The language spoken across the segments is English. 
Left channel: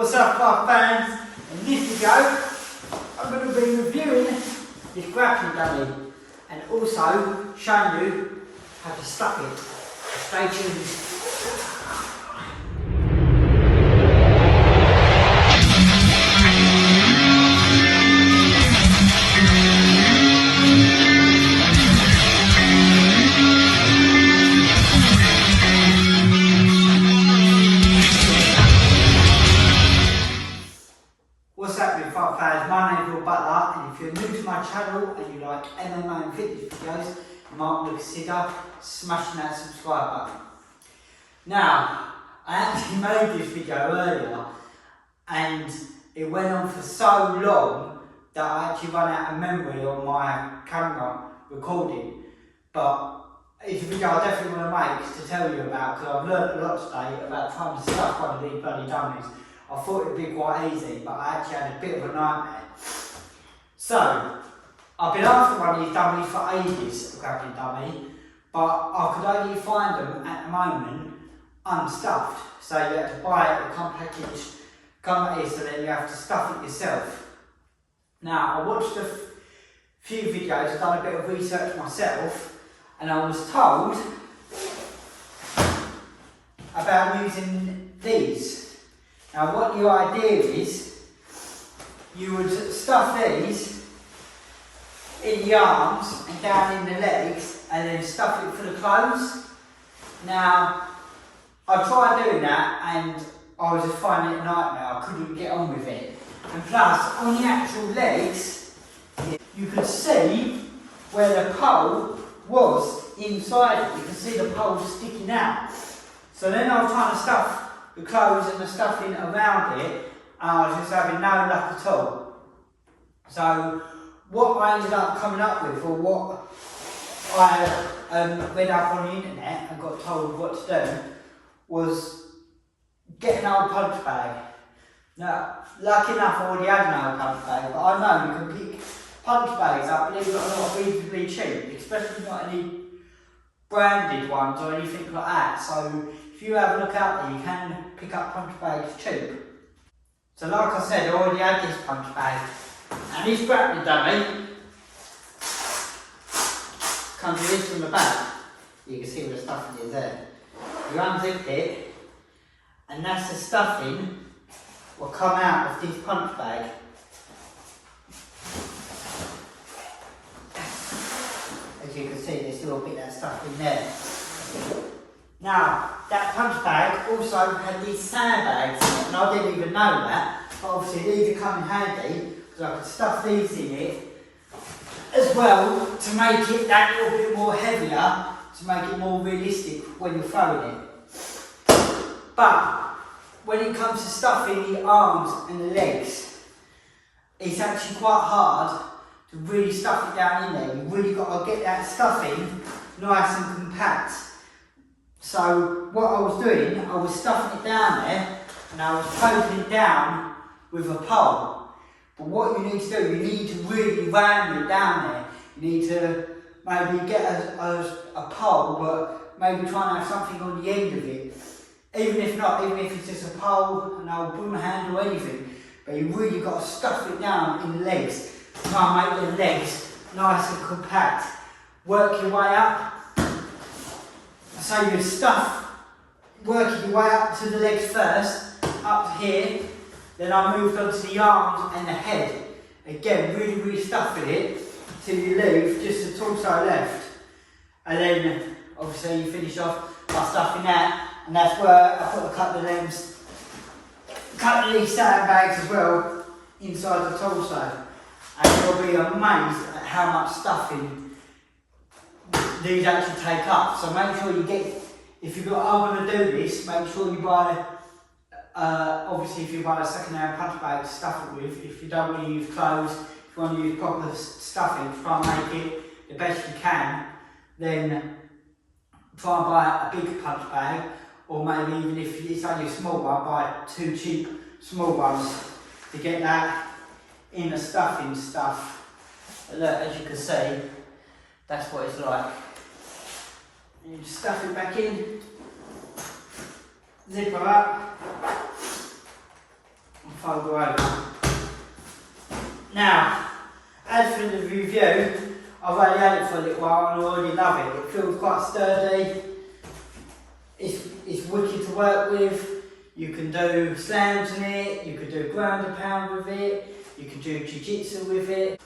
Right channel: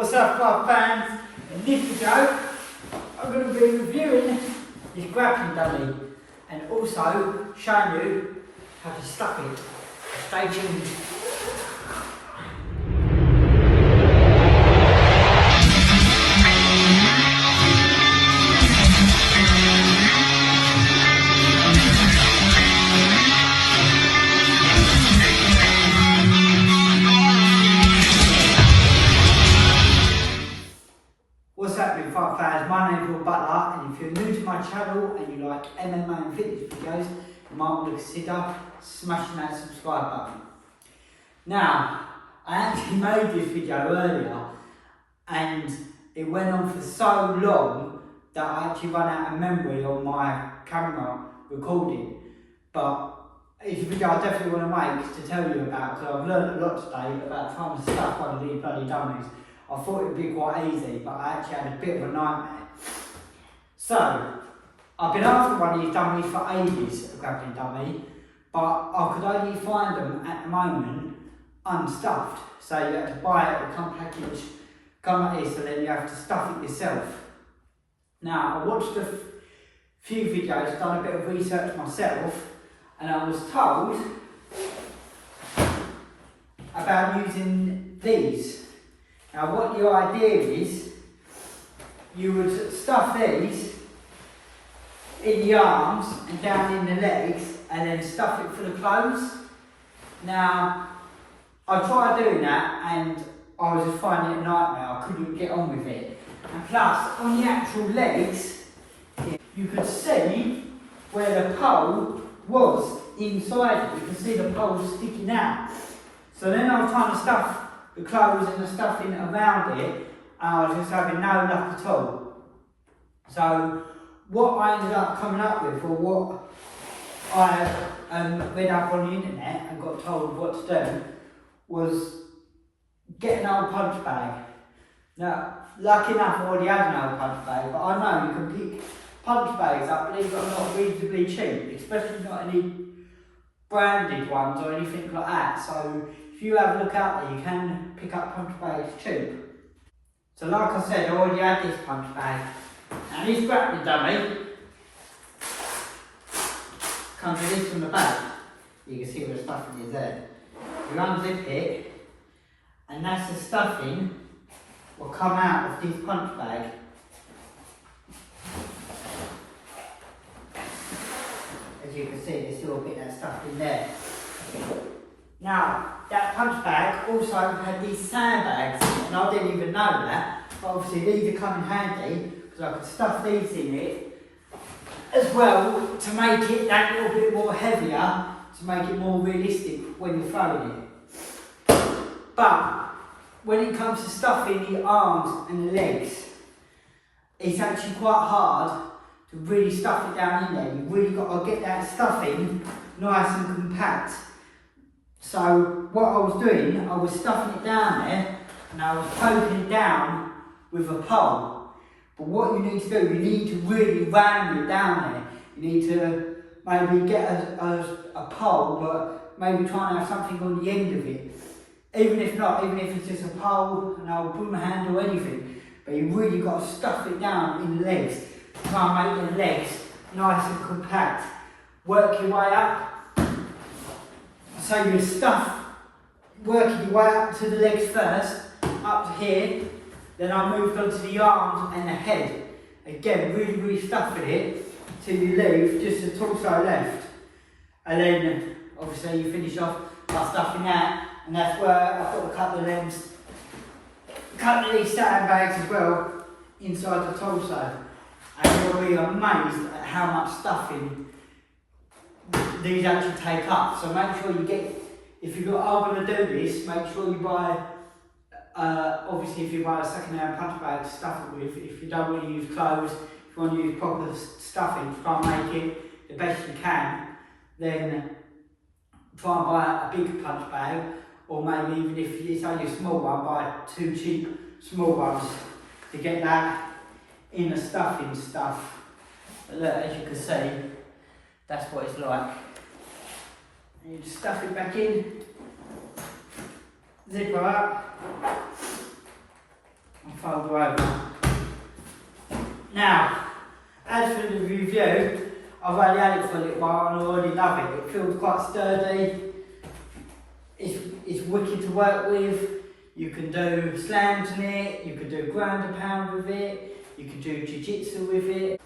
What's up, my fans? In this video, I'm going to be reviewing this grappling dummy and also showing you how to stuff it. Stay tuned. What's happening, fans? My name is Will Butler, and if you're new to my channel and you like MMA and fitness videos, you might want to consider smashing that subscribe button. Now, I actually made this video earlier and it went on for so long that I actually ran out of memory on my camera recording. But it's a video I definitely want to make to tell you about, because I've learned a lot today about trying to stuff one of these bloody dummies. I thought it'd be quite easy, but I actually had a bit of a nightmare. So, I've been after one of these dummies for ages, a grappling dummy, but I could only find them at the moment unstuffed. So you have to buy it, come packaged, come like this, and then you have to stuff it yourself. Now, I watched a few videos, done a bit of research myself, and I was told about using these. Now what your idea is, you would stuff these in the arms and down in the legs and then stuff it for the clothes. Now, I tried doing that and I was just finding it a nightmare. I couldn't get on with it. And plus, on the actual legs, you could see where the pole was inside it. You can see the pole sticking out. So then I was trying to stuff the clothes and the stuffing around it, and I was just having no luck at all. So what I ended up coming up with, or what I read up on the internet and got told what to do, was get an old punch bag. Now, lucky enough I already had an old punch bag, but I know you can pick punch bags up, believe it or not, reasonably cheap, especially not any branded ones or anything like that. So if you have a look out there, you can pick up punch bags cheap. So like I said, I already had this punch bag. And this grappling dummy comes with this from the back. You can see where the stuffing is there. You unzip it, and that's the stuffing will come out of this punch bag. As you can see, there's still a bit of that stuff in there. Now, that punch bag also had these sandbags in it, and I didn't even know that, but obviously these are come in handy, because I could stuff these in it as well, to make it that little bit more heavier, to make it more realistic when you're throwing it. But when it comes to stuffing the arms and the legs, it's actually quite hard to really stuff it down in there. You've really got to get that stuffing nice and compact. So what I was doing, I was stuffing it down there and I was poking it down with a pole. But what you need to do, you need to really ram it down there. You need to maybe get a pole, but maybe try and have something on the end of it. Even if not, even if it's just a pole, an old broom handle or anything. But you really got to stuff it down in the legs. Try and make the legs nice and compact. Work your way up. So you stuff, working your way up to the legs first, up to here, then I moved on to the arms and the head. Again, really stuffing it till you leave just the torso left. And then obviously you finish off by stuffing that, and that's where I put a couple of limbs, a couple of these sandbags as well, inside the torso. And you'll be amazed at how much stuffing these actually take up. So make sure you get, if you're going to do this, make sure you buy, obviously if you buy a second-hand punch bag to stuff it with. If you don't want to use clothes, if you want to use proper stuffing to try and make it the best you can, then try and buy a big punch bag, or maybe even if it's only a small one, buy 2 cheap small ones to get that in the stuffing stuff. But look, as you can see, that's what it's like. And you just stuff it back in, zip her up, and fold her over. Now, as for the review, I've only had it for a little while and I already love it. It feels quite sturdy. It's wicked to work with. You can do slams in it, you can do ground and pound with it, you can do jiu-jitsu with it.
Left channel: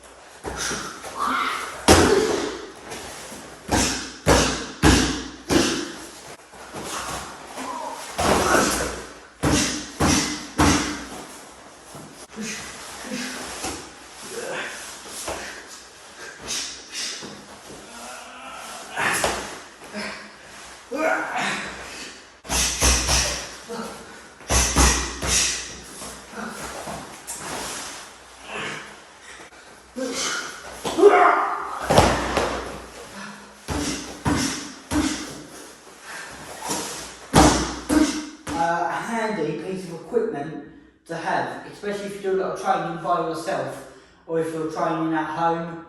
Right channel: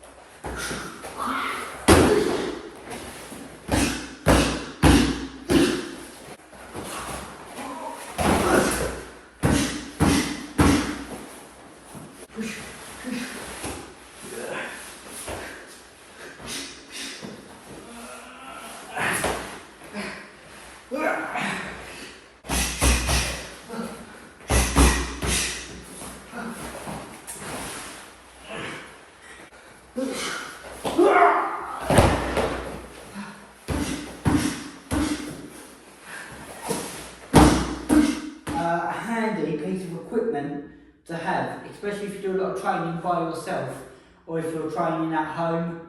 A handy piece of equipment to have, especially if you do a lot of training by yourself, or if you're training at home,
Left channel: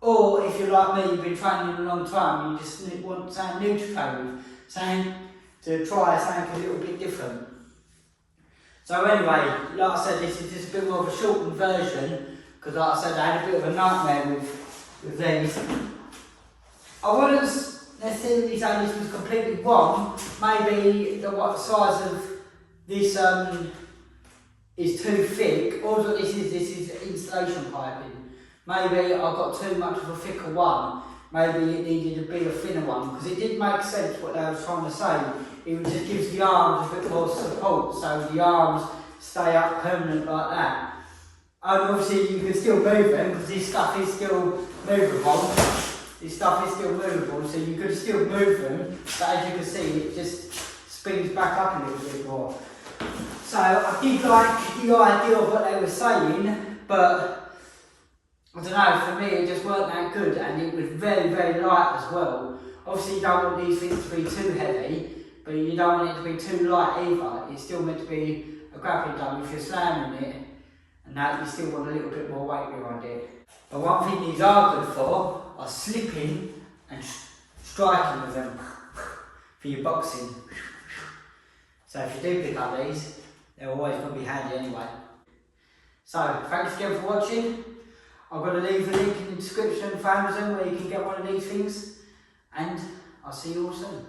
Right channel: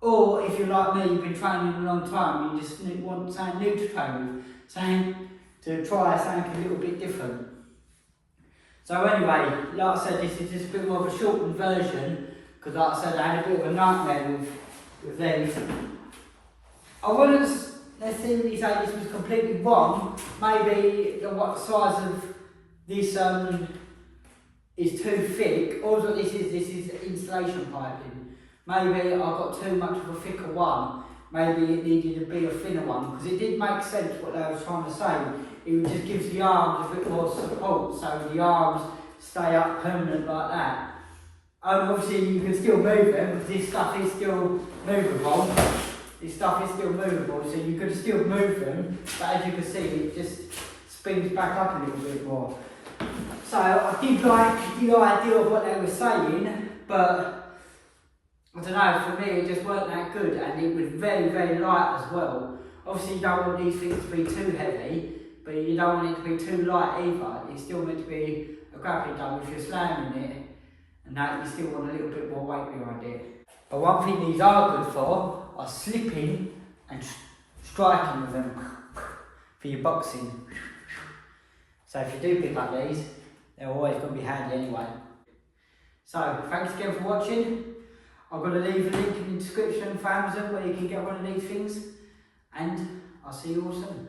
or if you're like me, you've been training a long time and you just want something new to train with, something to try something a little bit different. So anyway, like I said, this is just a bit more of a shortened version, because like I said, I had a bit of a nightmare with these. I wouldn't necessarily say this was completely wrong. Maybe the size of this is too thick. All that this is insulation piping. Maybe I got too much of a thicker one. Maybe it needed to be a thinner one, because it did make sense what they were trying to say. It just gives the arms a bit more support, so the arms stay up permanent like that. Obviously you can still move them, because this stuff is still movable. This stuff is still movable, so you could still move them, but as you can see, it just spins back up a little bit more. So I did like the idea of what they were saying, but I don't know, for me it just weren't that good, and it was very, very light as well. Obviously you don't want these things to be too heavy, but you don't want it to be too light either. It's still meant to be a grappling gun if you're slamming it, and that you still want a little bit more weight behind it. But one thing these are good for are slipping and striking with them for your boxing. So if you do pick up these, they're always going to be handy anyway. So thanks again for watching. I'm going to leave a link in the description for Amazon where you can get one of these things, and I'll see you all soon.